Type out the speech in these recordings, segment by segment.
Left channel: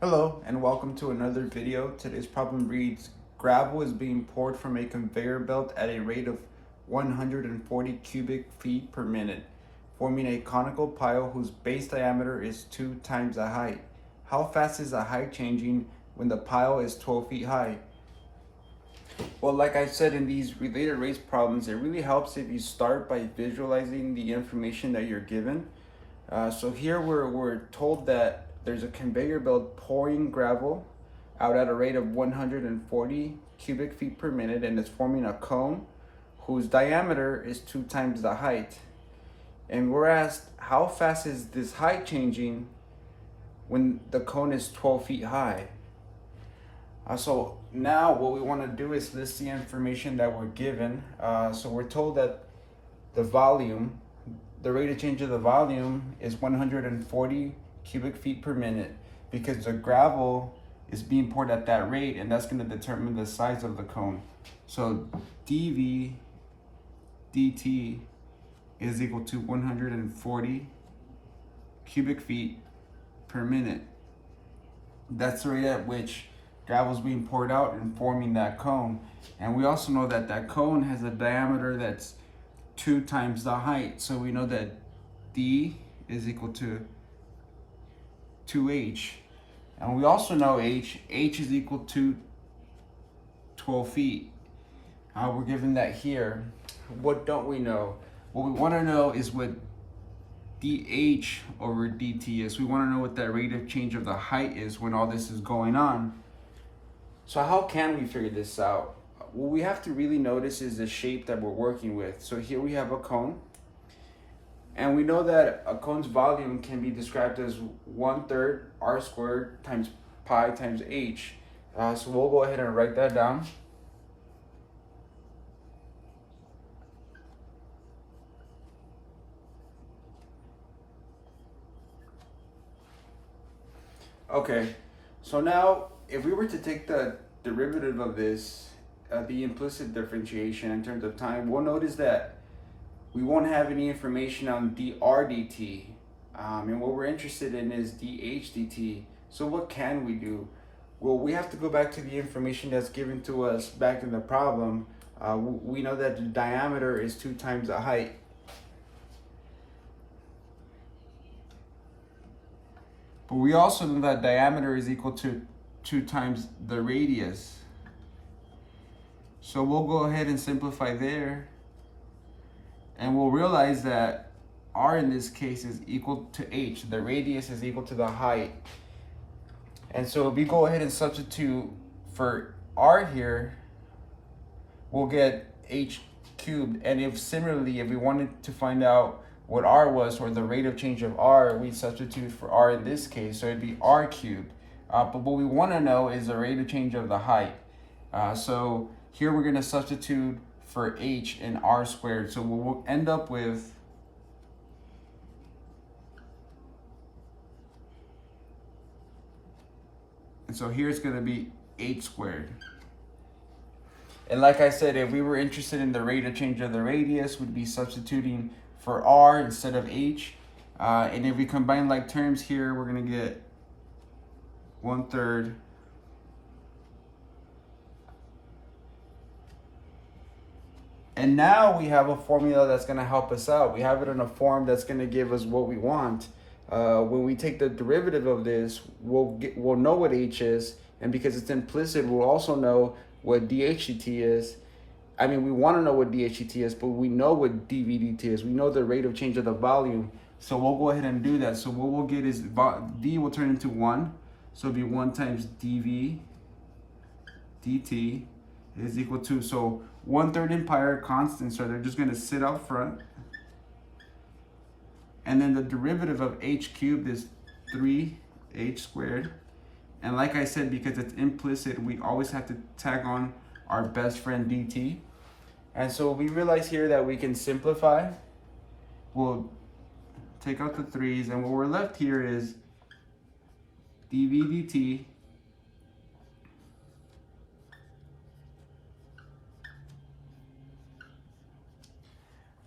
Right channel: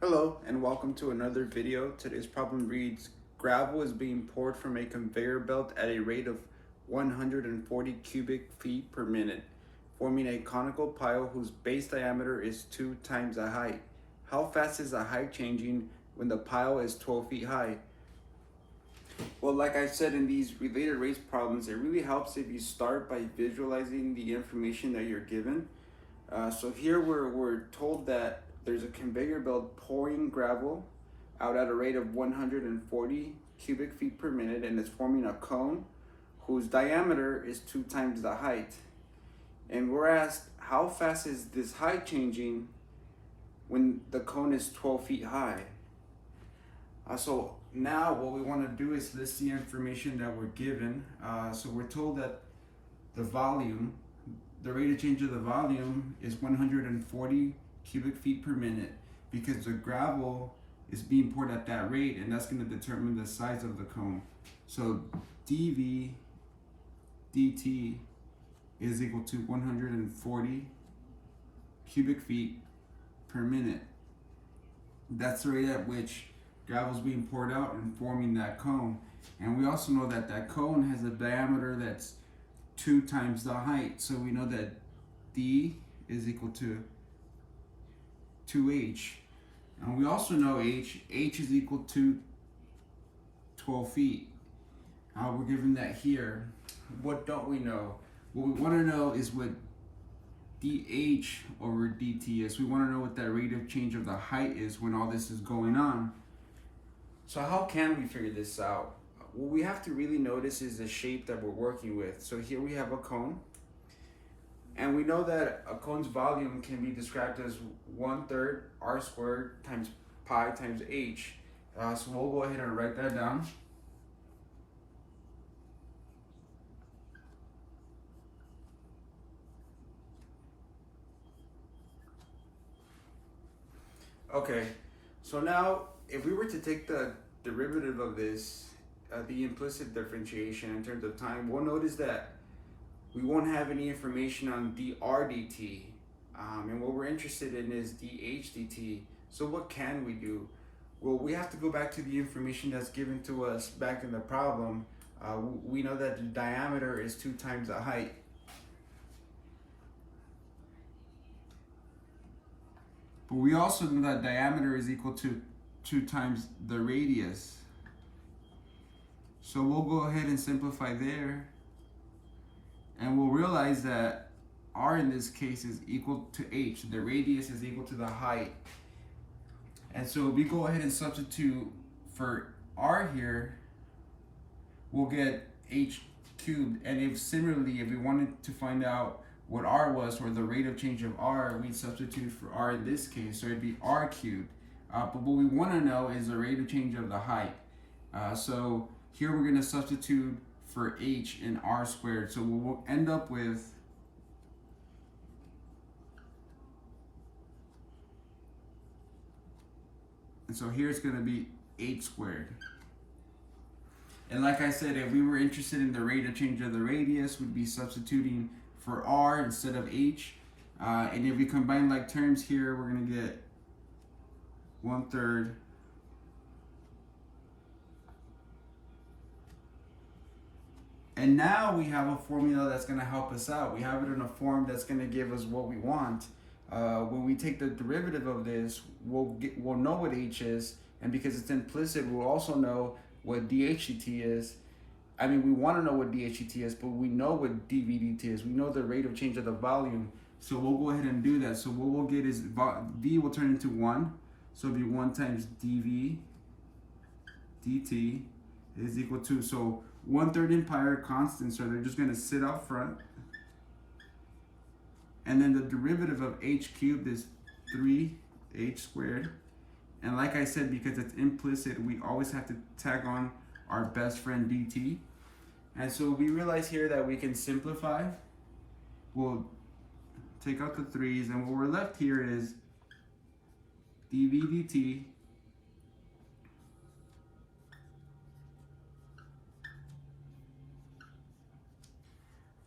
Hello and welcome to another video. Today's problem reads, gravel is being poured from a conveyor belt at a rate of 140 cubic feet per minute, forming a conical pile whose base diameter is 2 times the height. How fast is the height changing when the pile is 12 feet high? Well, like I said in these related rates problems, it really helps if you start by visualizing the information that you're given. So here we're told that there's a conveyor belt pouring gravel out at a rate of 140 cubic feet per minute, and it's forming a cone whose diameter is 2 times the height. And we're asked, how fast is this height changing when the cone is 12 feet high? So now what we want to do is list the information that we're given. So we're told that the volume, the rate of change of the volume is 140 cubic feet per minute, because the gravel is being poured at that rate, and that's going to determine the size of the cone. So dV dt is equal to 140 cubic feet per minute. That's the rate at which gravel is being poured out and forming that cone. And we also know that that cone has a diameter that's 2 times the height. So we know that D is equal to 2h. And we also know h is equal to 12 feet. We're given that here. What don't we know? What we want to know is what dH over dt is. We want to know what that rate of change of the height is when all this is going on. So how can we figure this out? What we have to really notice is the shape that we're working with. So here we have a cone, and we know that a cone's volume can be described as 1/3 r squared times pi times h. So we'll go ahead and write that down. Okay, so now if we were to take the derivative of this, the implicit differentiation in terms of time, we'll notice that we won't have any information on dr dt. And what we're interested in is dH dt. So what can we do? Well, we have to go back to the information that's given to us back in the problem. We know that the diameter is 2 times the height. But we also know that diameter is equal to 2 times the radius. So we'll go ahead and simplify there. And we'll realize that r in this case is equal to h. The radius is equal to the height. And so if we go ahead and substitute for r here, we'll get h cubed. And if similarly, if we wanted to find out what r was, or the rate of change of r, we substitute for r in this case, so it'd be r cubed. But what we want to know is the rate of change of the height. So here we're going to substitute for h in r squared. So we'll end up with and so here it's going to be h squared. And like I said, if we were interested in the rate of change of the radius, we'd be substituting for r instead of h. And if we combine like terms here, we're going to get 1/3 and now we have a formula that's going to help us out. We have it in a form that's going to give us what we want. When we take the derivative of this, we'll know what h is, and because it's implicit, we'll also know what dH/dt is. I mean, we want to know what dH/dt is, but we know what dV/dt is. We know the rate of change of the volume, so we'll go ahead and do that. So what we'll get is d will turn into 1, so it'll be 1 times dV dt is equal to, so 1/3 and pi are constant, so they're just going to sit out front. And then the derivative of h cubed is 3h squared. And like I said, because it's implicit, we always have to tag on our best friend dt. And so we realize here that we can simplify. We'll take out the 3's, and what we're left here is dV dt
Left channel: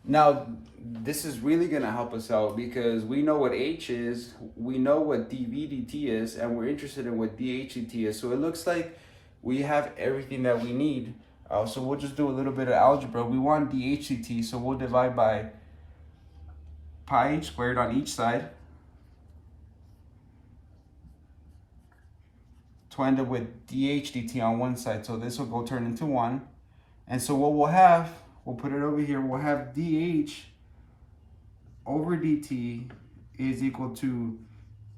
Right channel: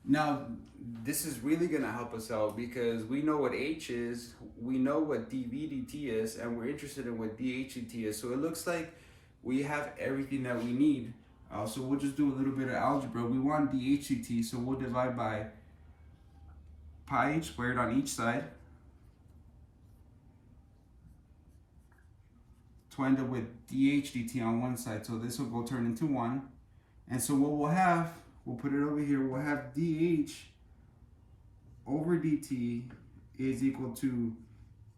now this is really going to help us out because we know what H is, we know what dV/dt is, and we're interested in what dH/dt is. So it looks like we have everything that we need. So we'll just do a little bit of algebra. We want dH/dt, so we'll divide by pi h squared on each side to end up with dH/dt on one side. So this will go turn into 1. And so what we'll have, we'll put it over here, we'll have dH over dt is equal to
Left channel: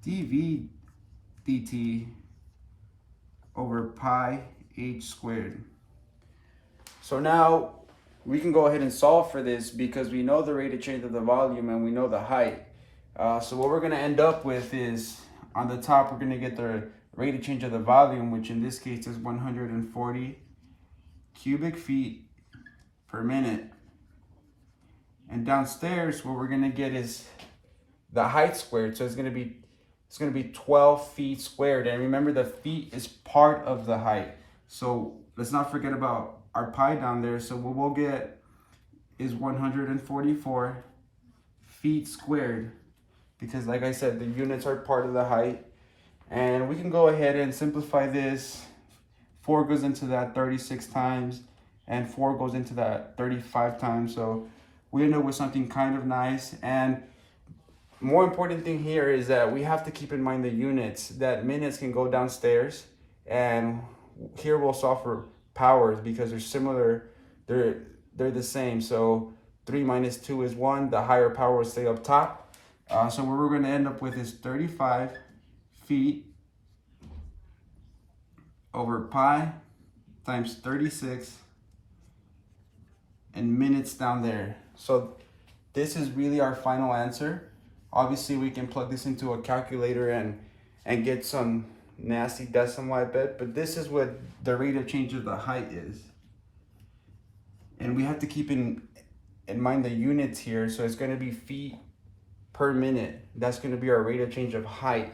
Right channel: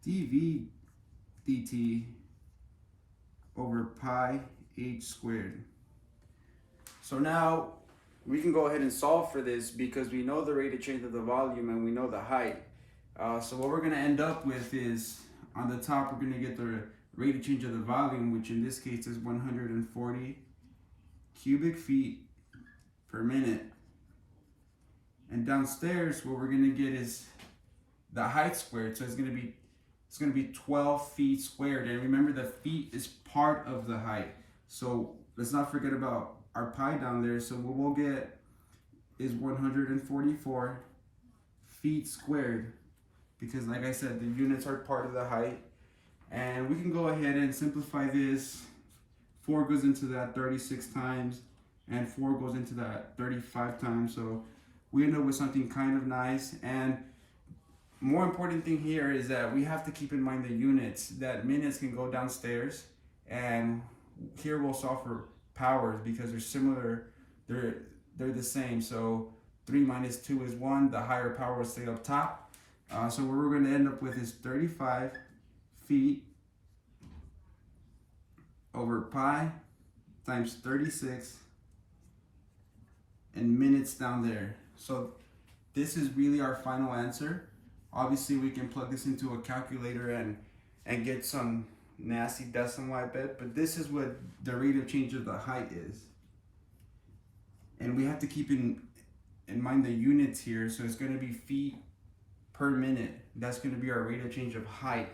dV/dt over pi h squared. So now we can go ahead and solve for this because we know the rate of change of the volume and we know the height. So what we're going to end up with is, on the top, we're going to get the rate of change of the volume, which in this case is 140 cubic feet per minute. And downstairs, what we're going to get is the height squared. So it's going to be 12 feet squared. And remember, the feet is part of the height. So let's not forget about our pi down there. So what we'll get is 144 feet squared, because like I said, the units are part of the height. And we can go ahead and simplify this. 4 goes into that 36 times, and 4 goes into that 35 times. So we end up with something kind of nice. And more important thing here is that we have to keep in mind the units, that minutes can go downstairs, and here we'll solve for powers because they're similar, they're the same. So 3 minus 2 is 1, the higher power will stay up top. So what we're going to end up with is 35 feet over pi times 36 and minutes down there. So this is really our final answer. Obviously we can plug this into a calculator and get some nasty decimal, I bet, but this is what the rate of change of the height is. And we have to keep in mind the units here. So it's going to be feet per minute. That's going to be our rate of change of height.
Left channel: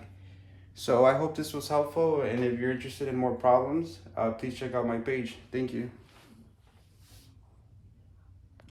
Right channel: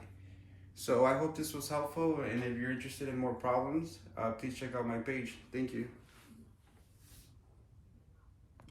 So I hope this was helpful, and if you're interested in more problems, please check out my page. Thank you.